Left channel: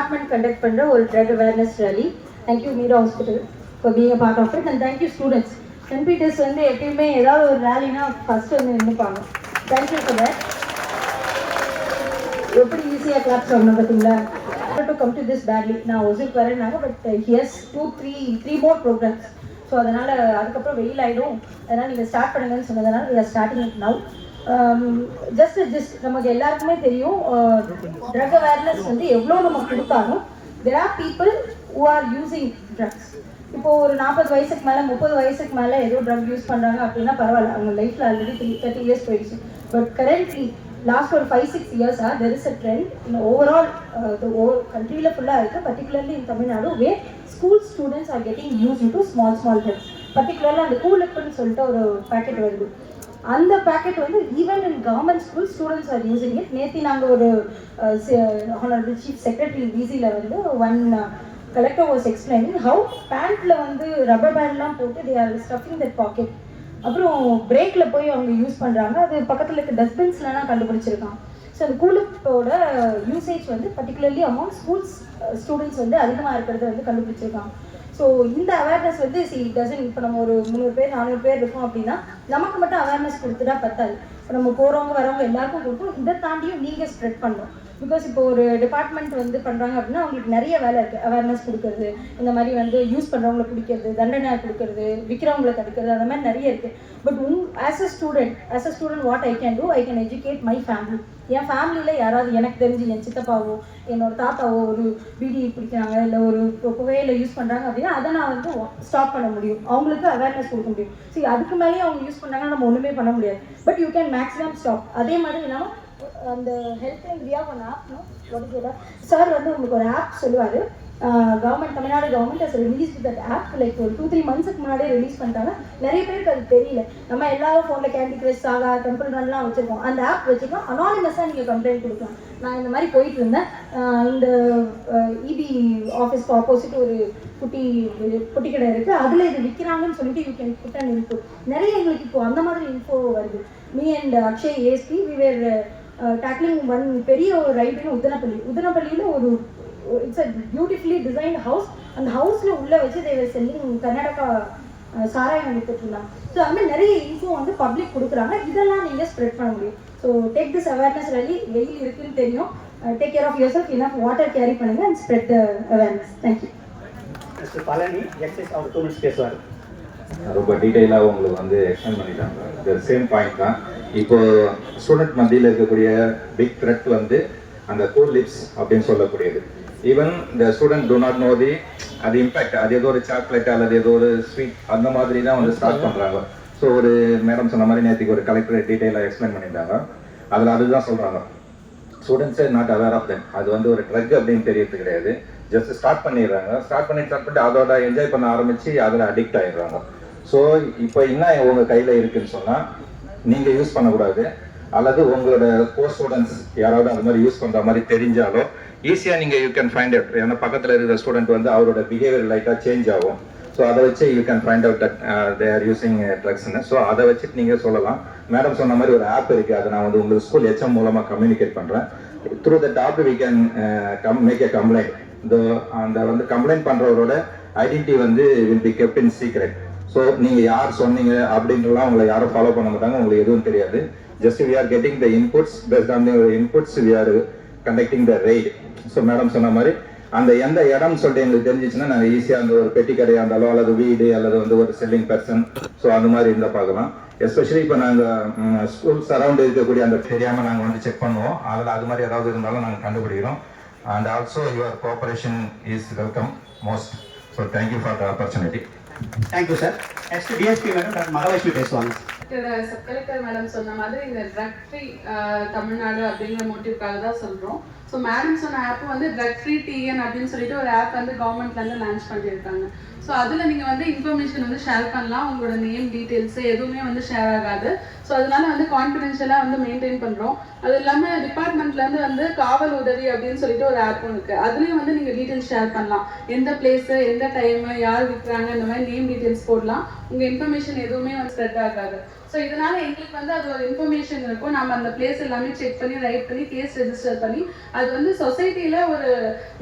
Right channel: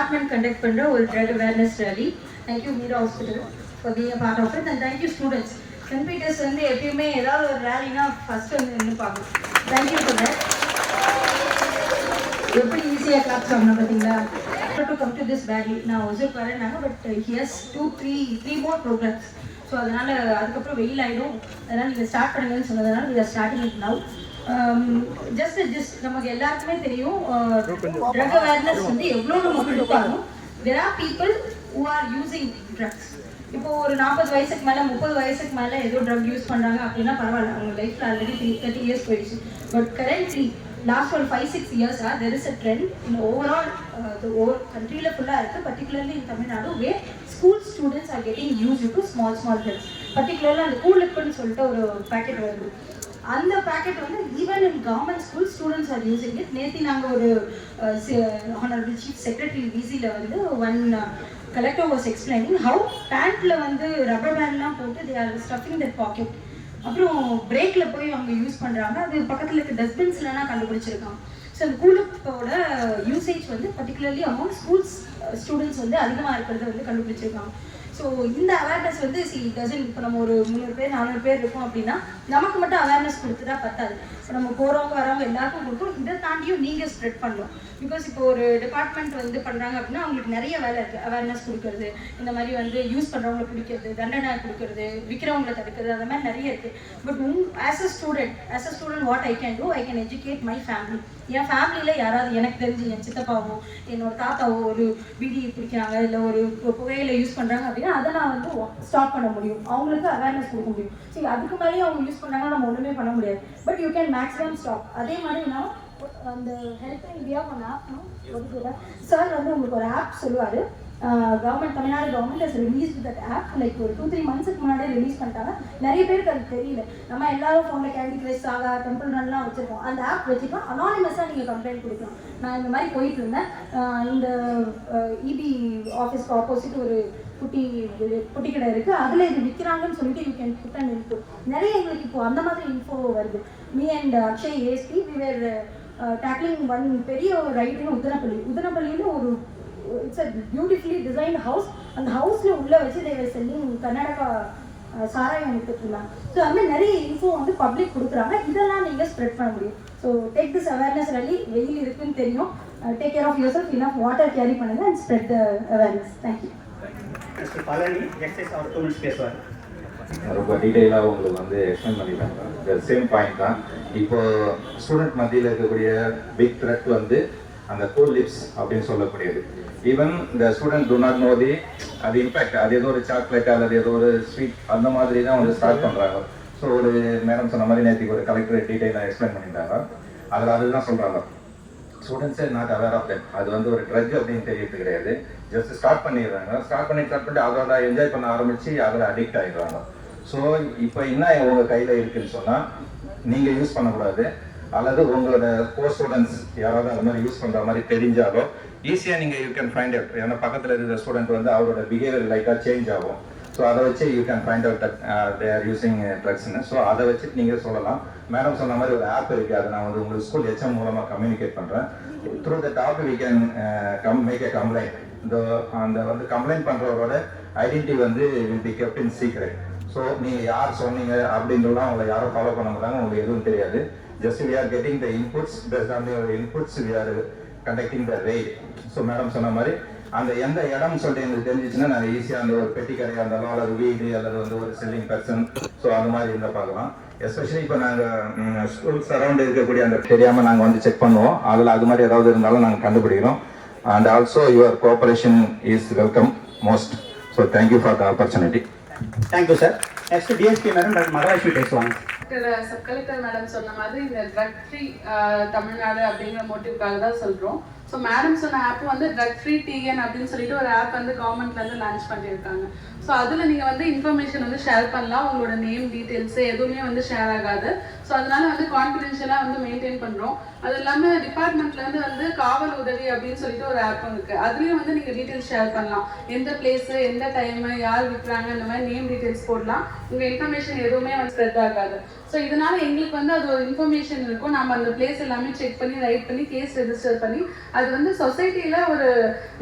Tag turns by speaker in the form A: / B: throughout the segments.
A: Department conduct பண்ணுற ஒரு drug awareness rally thank you Meera hospital for being a part of it and thank you students Saint Peter's வந்து எப்பயுமே ஏதாவது ஒரு ரேலினா first வந்து நின்றுப்பாங்க thank you for எப்படி ஈஸியாக கிளாப் வாங்கணும் பார்த்தீங்களா? To come to this badly நான் Hosur வரேன்னாங்க but here's two three three more programmes so அதனால் அதுக்கப்புறம் வெயில் ஆகிடும் அதனால் நீங்கள் ஸ்டார்ட் பண்ணுங்கன்னு சொன்னதுனால நீங்கள் starting it now just just நமக்கு எல்லாருக்குமே தெரியும் ட்ரக் அவேர்னஸ் வந்து எவ்வளோ நமக்கு கொடுத்தாலும் there are people who are using drugs இப்போ ஒரு நாற்பது வயசுக்கு மேலே முப்பது வயசுக்கு மேலே ஏதோ ட்ரக் யூஸ் பண்ணுறாங்க அப்படின்னா பரவாயில்ல. அவங்க லைஃப்பில் ஆல்ரெடி த்ரீ தேர்ட்டி இயர்ஸ் போயிடுச்சு. பட் கரண்ட்லி லாஸ்ட் ஒரு ஃபைவ் சிக்ஸ் இயர்ஸாக தெர் இஸ் அ ட்ரெண்ட் இந்த ஓவரால் ஓவர் கண்ட்ரியில் ஃபுல்லாக இருக்குது particularly in Tamil Nadu way school students are getting use to small small hells பர்டிகுலராக அந்த கூலிப்புன்னு சொல்லிட்டு ஒரு பேக்கெட் வருது. அந்த பேக்கெட் வந்து even in government school students are using it நேற்று நாங்கள் ஒரு ஹானரபிள் சீஃப் செக்ரட்டரி விசியில் வந்து one collector was explaining how பேண்ட்டில் வந்து ரப்பர் பேண்ட்லாம் போட்டு they are stuffing that packet அப்புறம் பிரேக்கில் போய் அவங்க யூஸ் பண்ணுறாங்க அது பக்கத்தில் இருக்க டஸ்ட்பின்ஸ்லாம் கண்டுபிடிச்சிருக்காங்க ஸோ அந்த கூலுப்போட யூசேஜ் வந்து பர்டிகுலர்லி அமௌண்ட் ஸ்கூல்ஸ் ஸ்டூடெண்ட்ஸ் வந்து அதிகமாக இருக்கிறத வந்து கண்டுபிடிச்சிருக்காங்க. ஸோ இந்த அவேர்னஸ் வந்து சி டசன் இப்போ நம்ம ஒரு முந்நூறு பேர் நானூறு பேர் இருக்கோம் அப்படின்னா நமக்கு மட்டும் அவேர்னஸ் கொடுத்துட்டா பத்தாது. இப்போ நம்ம போகிறவங்க வரவங்க எல்லாருக்கும் கொடுக்கும் இதை தாண்டியும் நீங்கள் ஸ்ப்ரெட் பண்ணலாம் பிகாஸ் இப்போ ஒரு டிபார்ட்மெண்ட் வந்து பண்ணுறாங்க அப்படின்னா அவங்களுக்கு நிறைய வேலை இருக்குது அவேர்னஸ் கொடுக்கறது இந்த மாதிரி வந்து யூஸ் பண்ணுறவங்கள பிடிக்கிறது தண்டனை கொடுக்கறது விற்கிறவங்கள தடுக்கிறது அந்த மாதிரி நிறைய இருக்குது பட் உன் as a student as a student what I can do I can educate my family என் ஃபேமிலியில் யாராவது எனக்கு தெரிஞ்சு என் சித்தப்பாவோ என்னோட தாத்தாவோ ஒரு பிடி பிடிக்கிறாங்க இல்லை ஒரு புகையில யூஸ் பண்ணுறாங்க அப்படின்னா அதை நான் வந்து ஸ்டாப் பண்ண முடியும். அவங்களுக்கு அவேர்னஸ் கொடுக்க முடியும். சரி அதுக்கு மேலேயும் அவங்க யூஸ் பண்ணாங்கன்னா நம்ம ஒன்றுமே பண்ண முடியாது. But you can maximum stop அதே மாதிரி நான் அந்த health India one app sir வந்து உங்களுக்கு ஒரு ஆப் சொல்லுவார். Government Tamil Nadu government has release that app like ஒரு டூ த்ரீ மந்த்ஸ்க்கு முன்னாடி ரிலீஸ் பண்ணிட்டாங்க. நிறைய பேருக்கு அது தெரியல. நம்ம எல்லாரும் ஃபோனில் கேண்டி கிரஷ் சாகா டெம்பிள் ரன்லாம் வச்சுருக்கோம். அந்த ஆப் வச்சுக்கலாம் அனானிமஸாக நீங்கள் கம்ப்ளைண்ட் கொடுக்கலாம். நான் இந்த மாதிரி போயிட்டு இருந்தேன். இந்த இபி ஆஃபீஸ்க்கு ஆப்போசிட் ஒரு குட்டி ஒரு கடை இருக்குது அதில் இது விற்கிறாங்கன்னு சொல்லிட்டு you can put and info நிறைய எங்களுக்கு இப்போ அந்த மாதிரி இன்ஃபோ வருது. Me and Akshay ASP we were tackling one பெரிய ஒரு ரைடுன்னு உத்தனப்பள்ளி உத்தனப்பள்ளியில் ஒரு it's a beautifully design house அந்த ஹவுஸில் உள்ளே வச்சு தேவை செல்லிங் கர்நாடகா சாராயம் வித்துட்டு இருந்தாங்க ஸோ அது மாதிரி நிறைய இன்ஃபோ வந்து பப்ளிக் கொடுக்குறாங்க. இதெல்லாம் நீங்கள் ஸ்ப்ரெட் பண்ண முடியும். ஸோ டேக் திஸ் அவேர்னஸ் ரலி வெயில் இருக்குன்னு தெரியும். Take care of yourself enough water carry பண்ணுங்க and spread the awareness thank you
B: mister Palani excise our two minutes பேசுவார்
C: ரொம்ப டீட்டெயிலாக உங்களுக்கு வந்து எக்ஸ்பிளைன் பண்ணிட்டாங்க. இந்த சேம் பாயிண்ட் தான். இப்போ ஸ்டூடெண்ட் மத்தியில் இருக்கக்கூடிய பிக் த்ரெட் வந்து அந்த கூல் லிப்ஸ் அப்படின்னு சொல்லக்கூடியது. ஈவன் இந்த student do not know the அது இம்பாக்ட் அது ஏதோ ஒரு சாக்லேட் அல்லது ஏதோ ஒரு ஸ்வீட் அந்த மாதிரி தான் வந்து ஸ்டார்ட் பண்ணுறாங்க ஸோ ஒரு மேடம் சொன்ன மாதிரி நேற்றுக்கு ஒரு கலெக்டர் டீட்டெயிலாக எக்ஸ்பிளைன் பண்ணியிருந்தாங்க. அதில் அதுதான் சொல்கிறாங்க ஸ்டூடெண்ட்ஸே நாட் அவேர் ஆஃப் தெம் அது வந்து ஒரு ட்ரக் அப்படின்னு தெரியறது கிடையாது. ஜஸ்ட் ஸ்டார்ட் பண்ணிடுறாங்க. ஸ்டார்ட் பண்ணி ஸ்டார்ட் பண்ணிட்டு அதோட என்ஜாய் பண்ண ஆரம்பித்து அதில் அடிக்ட் ஆகிடுறாங்க ஸோ இப்போ என்ன உங்கள் கையில் இருக்குதுன்னு சொன்னால் நீங்கள் யூஸ் பண்ணக்கூடாது. அல்லது உங்களோட கோ ஸ்டூடெண்ட்ஸ் யாராவது அந்த மாதிரி யூஸ் பண்ணுற மாதிரி தெரிஞ்சாலோ ஈஸியாக நீங்கள் யூ கேன் ஃபைண்ட் அவுட் ஏன்னா பக்கத்தில் இருக்கிற ஸ்டூடெண்ட் வந்து அவரோட பிஹேவியர் லைட்டாக சேஞ்ச் ஆகும். ஸோ அதை வச்சு you can find out they are using ட்ரக்ஸ்னு so அதை வச்சுட்டு நீங்கள் சொல்லலாம். மேடம் சொன்ன மாதிரி ஒரு ஆப் இருக்குது அதை நான் வந்து உங்களுக்கு ஸ்கூல் ஹெச்எம் மூலமாக கம்யூனிகேட் பண்ணுறேன் through that app we can come make a complaint இந்த அந்த வந்து கம்ப்ளைண்ட் பண்ணுறவரோட ஐடென்டிட்டி வந்து will be kept in secret so நீங்கள் யார் சொன்னீங்க அப்படின்றலாம் உங்களை யாரும் ஃபாலோ பண்ண மாட்டாங்க. உங்களுக்கு எதுவும் தெரியாது. Just we are getting the inputs best on your inputs we are conducting the raid so madam சொன்ன மாதிரி அந்த எந்த இடம்னு சொல்லிட்டு எங்களுக்கு தெரிஞ்சிச்சுன்னா நாங்கள் ஈஸியாக அந்த ஒரு பெட்டி கடையாக இருந்தாலோ அல்லது வீடு அல்லது வந்து ஒரு செல்லிங் பர்சன் ஸோ அந்த மாதிரி இருந்தால் பார்க்கலாம். எஸ்பெஷலி இப்போ நாங்கள் ஸ்கூல் சரௌண்ட் இருக்கக்கூடிய அந்த தெரியாமல் நாங்கள் வந்து செக் பண்ணுவோம். அதில் அது மாதிரி ஏதாவது இருந்தாலும் நாங்கள் கண்டுபிடிக்கிறோம். And also your cooperation is welcome most so thank you for the opportunity
B: thank you sir next DSP madam doctor Mahalakshmi பேசுவாங்க
D: சப் கலெக்டர் மேடம் சொன்ன மாதிரி இந்த ட்ரக் ஃப்ரீ uh, தமிழ்நாடு அப்படிங்கிற மோட்டிவ்காக தான் சொல்கிறோம் ஸோ மேடம் சொன்ன ஆப் வந்து ட்ரக் ஃப்ரீ டிஎன் அப்படின்னு சொல்லிட்டு ஒரு ஆப் வந்து கவர்மெண்ட்லேருந்து லான்ச் பண்ணியிருக்காங்க. ஸோ அதில் நீங்கள் வந்து இன்ஃபர்மேஷன் வந்து ஷேர் பண்ணலாம். உங்களோட நேம் டீட்டெயில்ஸு எதுவுமே வந்து ஷேர் ஆகாது. ஸோ அதனால வந்து கான்ஃபிடென்ஷியலாக வந்து மெயின்டைன் பண்ணுறோம் அது இல்லாமல் டிபார்ட்மெண்ட்லேருந்து வந்து காவல் உதவி அப்படின்னு சொல்லிட்டு ஒரு ஆப்பும் இருக்குது அதுலேயும் வந்து நீங்கள் டீட்டெயில்ஸ் ஷேர் பண்ணலாம். எந்த பிளேஸு எந்த டைமு யார் விற்கிறாங்க இந்த மாதிரி நேம் டீட்டெயில்ஸ் போடலாம். உங்க இன்ஃபர்மேஷன் எதுவுமே வந்து ஸ்ப்ரெட் ஆகாது. ஸோ இதனால எங்களுக்கு வந்து அது ஒரு இன்ஃபர்மேஷன் இருக்கும். நம்ம அந்த பிளேஸ் எல்லாமே செக் பண்ணி ரைட் பண்ணி கேஸ் ரெஜிஸ்டர் பண்ணி அது வந்து சொசைட்டில ஒரு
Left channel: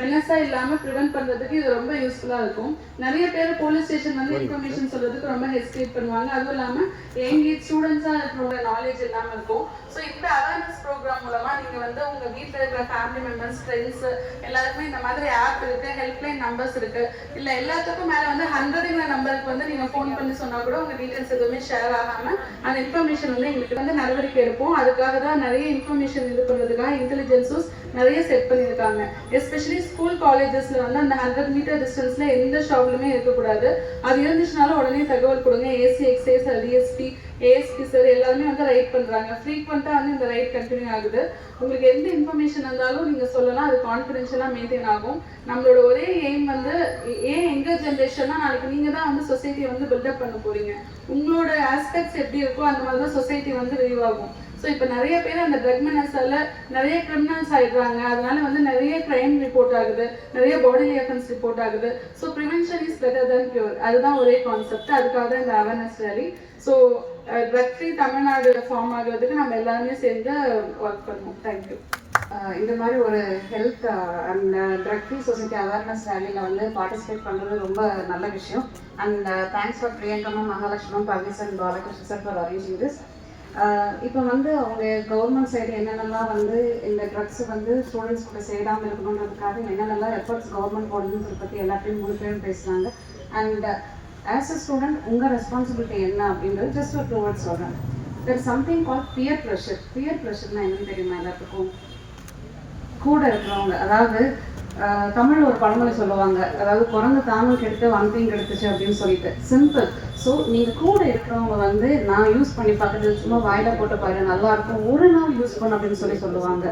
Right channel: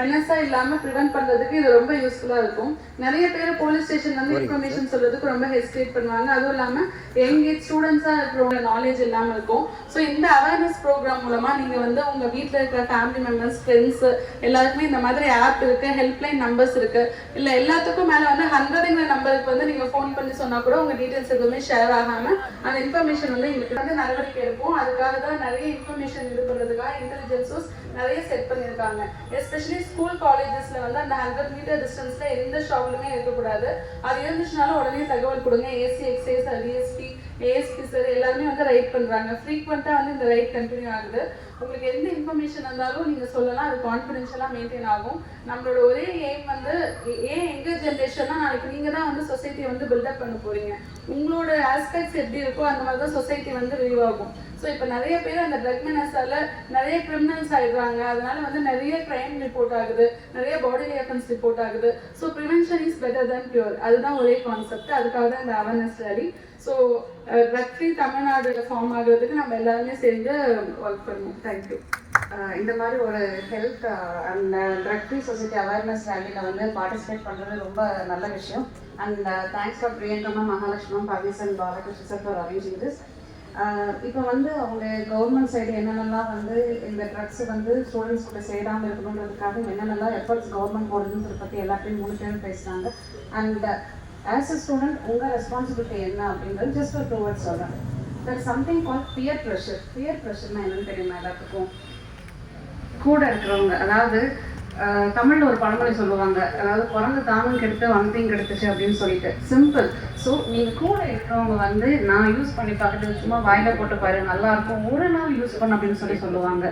D: மெனஸா இல்லாம ப்ரிவென்ட் பண்றதுக்கு இது ரொம்ப யூஸ்ஃபுல்லா இருக்கும். நிறைய பேர் போலீஸ் ஸ்டேஷன் வந்து இன்ஃபர்மேஷன் சொல்றதுக்கு ரொம்ப ஹெசிடேட் பண்ணுவாங்க. அதுவும் இல்லாம எங்க ஸ்டூடெண்ட்ஸா இருக்கிறவங்க நாலேஜ் இல்லாம இருக்கும். ஸோ இந்த அவேர்னஸ் ப்ரோக்ராம் மூலமா நீங்க வந்து உங்க வீட்ல இருக்கிற ஃபேமிலி மெம்பர்ஸ் ஃப்ரெண்ட்ஸ் எல்லாருக்குமே இந்த மாதிரி ஆப் இருக்கு ஹெல்ப்லைன் நம்பர்ஸ் இருக்கு. இல்ல எல்லாத்துக்கும் மேல வந்து ஹண்ட்ரடுங்கிற நம்பருக்கு வந்து நீங்க ஃபோன் பண்ணி சொன்னா கூட உங்க டீடைல்ஸ் எதுவுமே ஷேர் ஆகாம அந்த இன்ஃபர்மேஷன் வந்து எங்களுக்கு வந்து நடவடிக்கை எடுப்போம். அதுக்காக தான் நிறைய இன்ஃபர்மேஷன் இது பண்றதுக்காக இன்டெலிஜென்ஸஸ் நிறைய செட் பண்ணியிருக்காங்க. எஸ்பெஷலி ஸ்கூல் காலேஜஸ்ல வந்து அந்த ஹண்ட்ரட் மீட்டர் டிஸ்டன்ஸ்ல எந்த ஷாப்லுமே இருக்கக்கூடாது. அது இருந்துச்சுனாலும் உடனே தகவல் கொடுங்க. AC excise DSP ASP sir எல்லாருமே வந்து ரைட் பண்றாங்க. ஃப்ரீக்வெண்ட்டாக வந்து இந்த ரைட் கண்டினியூ ஆகுது. உங்களுக்கு எந்த இன்ஃபர்மேஷன் இருந்தாலும் நீங்கள் சொல்லலாம் அது கான்ஃபிடென்ஷியலாக மெயின்டைன் ஆகும். நம்மளோட ஒரே எய்ம் வந்து ஏன் எங்கள் ஜென்ரேஷன்னா நாளைக்கு நீங்கள் தான் வந்து சொசைட்டியை வந்து பில்டப் பண்ண போகிறீங்க உங்களோட ஆஸ்பெக்ட்ஸ் எப்படி இருக்கோ அந்த மாதிரி தான் சொசைட்டி வந்து ரிவியூ ஆகும் ஸோ இப்போ நிறைய பேர் அந்த ட்ரக் நிறைய கிரிமினல்ஸ் ஆயிடுறாங்க. அதனால வந்து நிறைய கிரைம் ரிப்போர்ட் ஆகுது. நிறைய பாடி அஃபென்ஸ் ரிப்போர்ட் ஆகுது. So prevention is better than cure அதுதான் ஒரே கான்செப்ட் அதுக்காக தான் இந்த awareness study so Uh, drug free Tamil Nadu form ஆகிறதுக்கு நம்ம எல்லாருமே சேர்ந்து um, ஒர்க் பண்ணுவோம். தேங்க்யூ
E: uh, இந்த மாதிரி ஒரு health and drug free society awareness ரேலியில் வந்து பார்ட்டிசிபேட் பண்ணுறது ரொம்ப நல்ல விஷயம். அண்ட் தேங்க்ஸ் ஃபார் பிரியங்கம்மா மகாலட்சுமம் பவிசன் Balakrishna sir for arranging this இப்போ வந்து அவங்க கவர்மெண்ட் சைடு என்னென்னலாம் வந்து இந்த ட்ரக்ஸ் வந்து ஸ்டூடெண்ட்ஸ் கூட சேராமல் இருக்கணுன்றதுக்காக என்னென்னலாம் எஃபர்ட்ஸ் கவர்மெண்ட் போடுதுன்னு பற்றி எல்லாத்தையும் முழு பேரும் பேசுகிறாங்க அண்ட் ஆஸ் அ ஸ்டூடெண்ட் உங்கள் ரெஸ்பான்சிபிலிட்டி என்ன அப்படின்றது ஜஸ்ட் ஒரு டூ வேர்ட்ஸ் சொல்கிறேன் there something call peer pressure peer ப்ரெஷர்னா என்னன்னு தெரியுமா எல்லாத்துக்கும்? கூட இருக்கிறவங்க அதாவது தமிழில் தமிழ்ல ஒரு பழமொழி சொல்லுவாங்க. அதாவது குரங்கு தானும் கெடுத்து வனத்தையும் கெடுத்துச்சு அப்படின்னு சொல்லிட்டு. சிம்பிள் ஸோ நீங்கள் கூட இருக்கிறவங்க வந்து நான் யூஸ் பண்ணி பார்க்குறது சும்மா வாயில போட்டு பாரு நல்லா இருக்கும். ஒரு நாள் யூஸ் பண்ண அப்படின்னு சொல்லி சொல்லுவாங்க.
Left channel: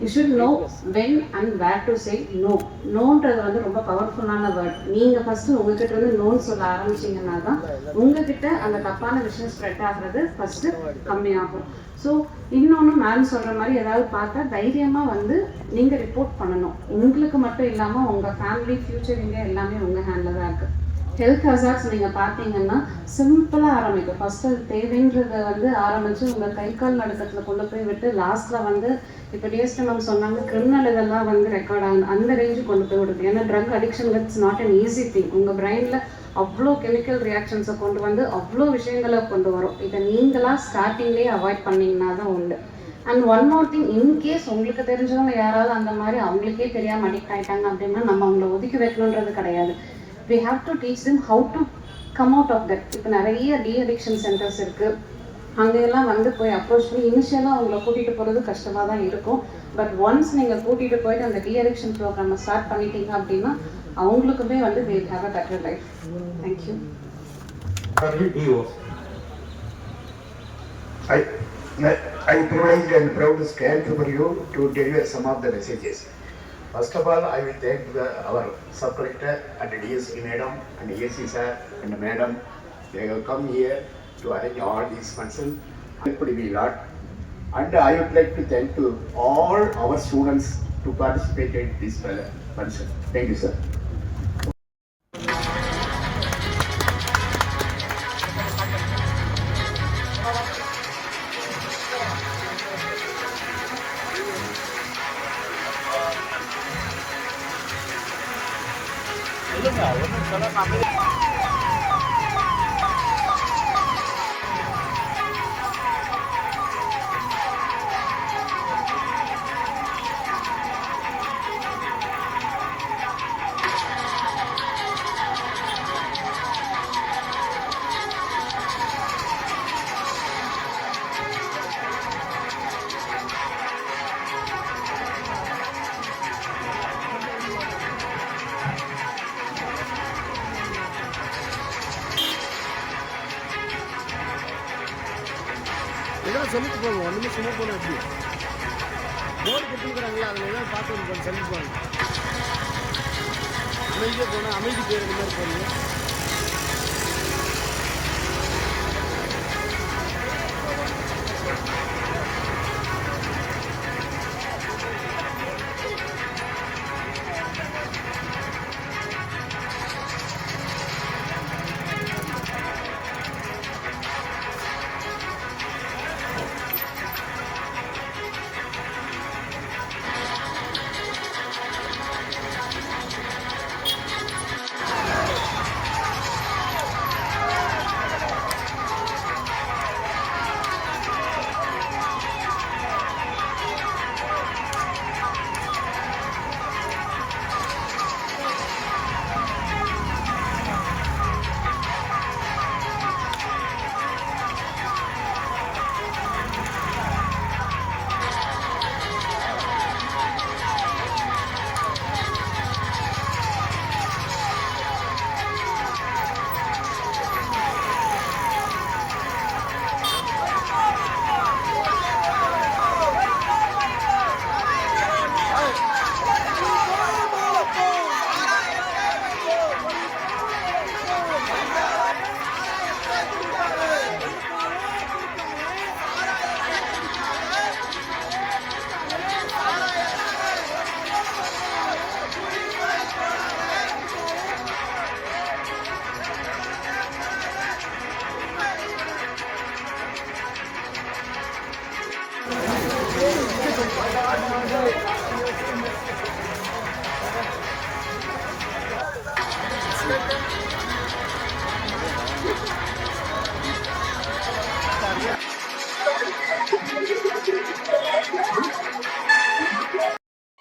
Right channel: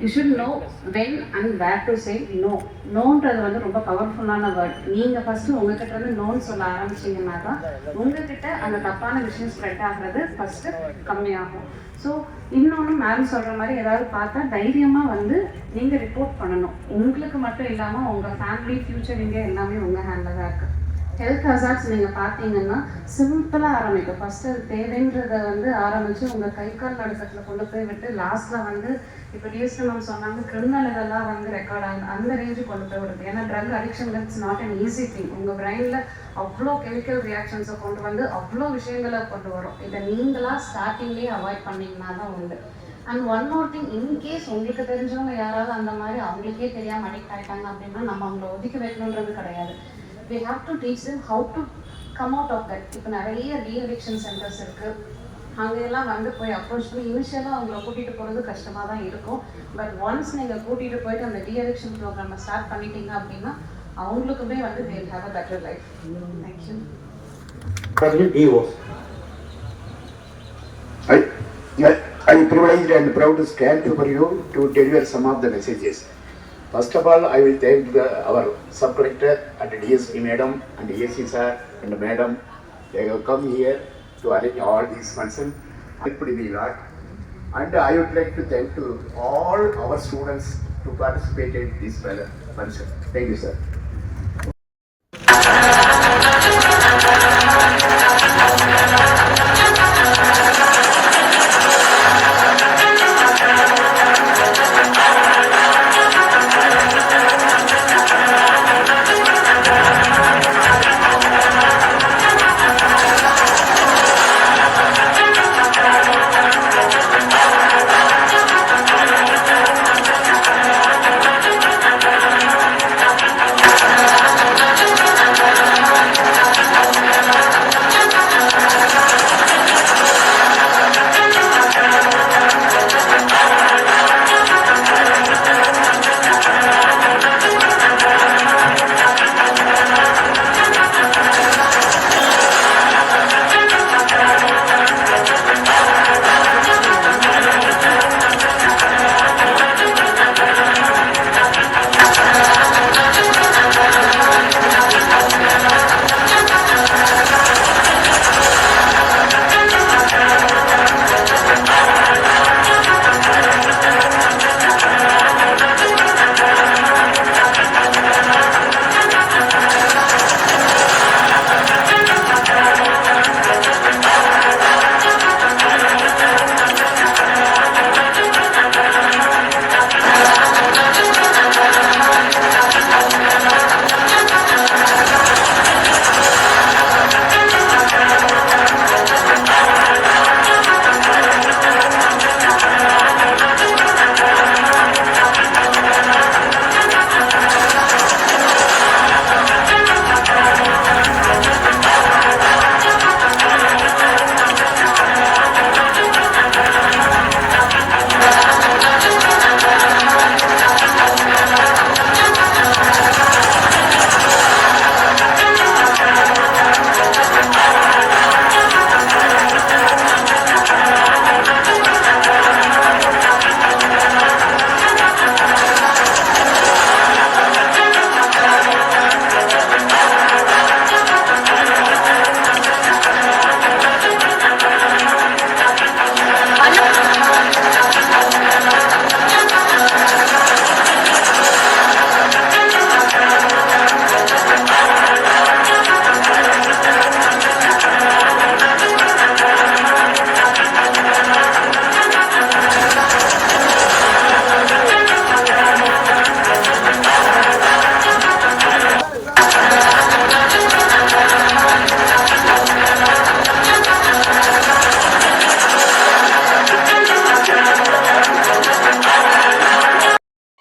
E: You should know when and where to say no நோன்றது வந்து ரொம்ப பவர்ஃபுல்லான வேர்ட் நீங்கள் ஃபஸ்ட்டு உங்ககிட்ட இருந்து நோன் சொல்ல ஆரம்பிச்சீங்கன்னா தான் உங்ககிட்ட அந்த தப்பான விஷயம் ஸ்ப்ரெட் ஆகிறது ஃபஸ்ட்டு கம்மியாகும். ஸோ இன்னொன்று மேம் சொல்கிற மாதிரி ஏதாவது பார்த்தா தைரியமாக வந்து நீங்கள் ரிப்போர்ட் பண்ணணும். உங்களுக்கு மட்டும் இல்லாமல் உங்கள் ஃபேமிலி ஃப்யூச்சர் இங்கே எல்லாமே உங்கள் ஹேண்டில் தான் இருக்குது ஹெல்த் ஹசார்ட்ஸ் நீங்கள் பார்த்தீங்கன்னா சிம்பிளாக ஆரம்பிக்கும். ஃபஸ்ட்டு அது தேவைன்றதை வந்து ஆரம்பித்து உங்கள் கை கால் நடுக்கத்தில் கொண்டு போய் விட்டு லாஸ்ட்டில் வந்து இப்போ டிஎஸ்டி மேம் சொன்னாங்க கிரிமினல் இதெல்லாம் வந்து ரெக்கார்ட் ஆகும். அந்த ரேஞ்சு கொண்டு போய் விடுது ஏன்னா drug addiction it's not an easy thing உங்கள் பிரெயினில் அவ்வளோ கெமிக்கல் ரியாக்ஷன்ஸை கொண்டு வந்து அவ்வளோ விஷயங்களை கொண்டு வரும். இதை நீங்களாக ஸ்டார்டிங்லேயே அவாய்ட் பண்ணீங்கன்னா தான் உண்டு. And one more thing in case உங்களுக்கு தெரிஞ்சவங்க யாராவது அந்த மாதிரி அவங்களுக்கே தெரியாமல் அடிக்ட் ஆகிட்டாங்க அப்படின்னா நம்ம அவங்கள ஒதுக்கி வைக்கணுன்றது கிடையாது. We have to teach them how to come out of that இப்போ நிறைய டி அடிக்ஷன் சென்டர்ஸ் இருக்குது அங்கெல்லாம் வந்து போய் அப்ரோச் பண்ணி இனிஷியலாக அவங்கள கூட்டிகிட்டு போகிறது கஷ்டமாக தான் இருக்கும். பட் ஒன்ஸ் நீங்கள் கூட்டிகிட்டு போயிட்டு அந்த டி அடிக்ஷன் ப்ரோக்ராமை ஸ்டார்ட் பண்ணிட்டீங்க அப்படின்னா அவங்களுக்குமே வந்து they will a better life thank you
B: WDO.
F: I, I, I privileged and proud to stand for you to deliver some of the messages. First of all, I will thank the, our sub-collector and DSP madam and AC sir and madam. They have come here to arrange all these functions. Helped me a lot. And I would like to thank to all our students to participate in this function. Thank you, sir.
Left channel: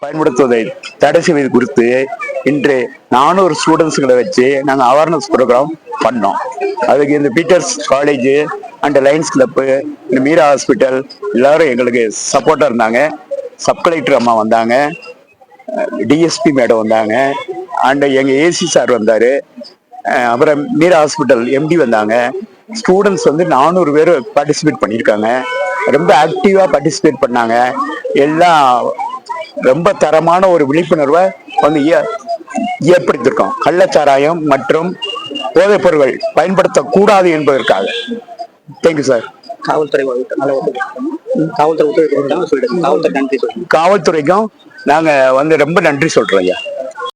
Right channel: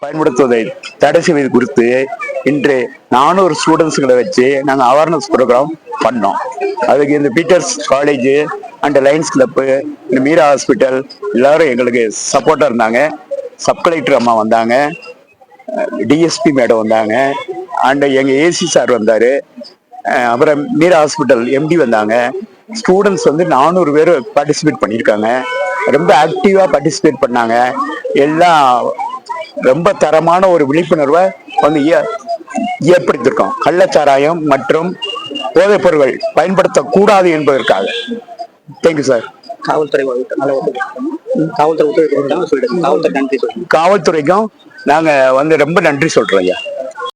F: பயன்படுத்துவதை தடை செய்வது குறித்து இன்று நானூறு ஸ்டூடெண்ட்ஸுங்களை வச்சு நாங்கள் awareness program பண்ணோம். அதுக்கு இந்த Peter's college and Lions club இந்த மீரா ஹாஸ்பிட்டல் எல்லாரும் எங்களுக்கு சப்போர்ட்டாக இருந்தாங்க. சப் கலெக்டர் அம்மா வந்தாங்க. டிஎஸ்பி மேடம் வந்தாங்க. அண்ட் எங்கள் ஏசி சார் வந்தார். அப்புறம் மீரா ஹாஸ்பிட்டல் எம்டி வந்தாங்க. ஸ்டூடெண்ட்ஸ் வந்து நானூறு பேர் பார்ட்டிசிபேட் பண்ணியிருக்காங்க. ரொம்ப ஆக்டிவாக பார்ட்டிசிபேட் பண்ணாங்க. எல்லாம் ரொம்ப தரமான ஒரு விழிப்புணர்வை வந்து ஏற்படுத்தியிருக்கோம். கள்ளச்சாராயம் மற்றும் போதைப் பொருட்கள் பயன்படுத்தக்கூடாது என்பதற்காக. தேங்க்யூ சார்
B: காவல்துறை காவல்துறை
F: காவல்துறைக்கும் நாங்கள் வந்து ரொம்ப நன்றி சொல்கிறோம் ஐயா.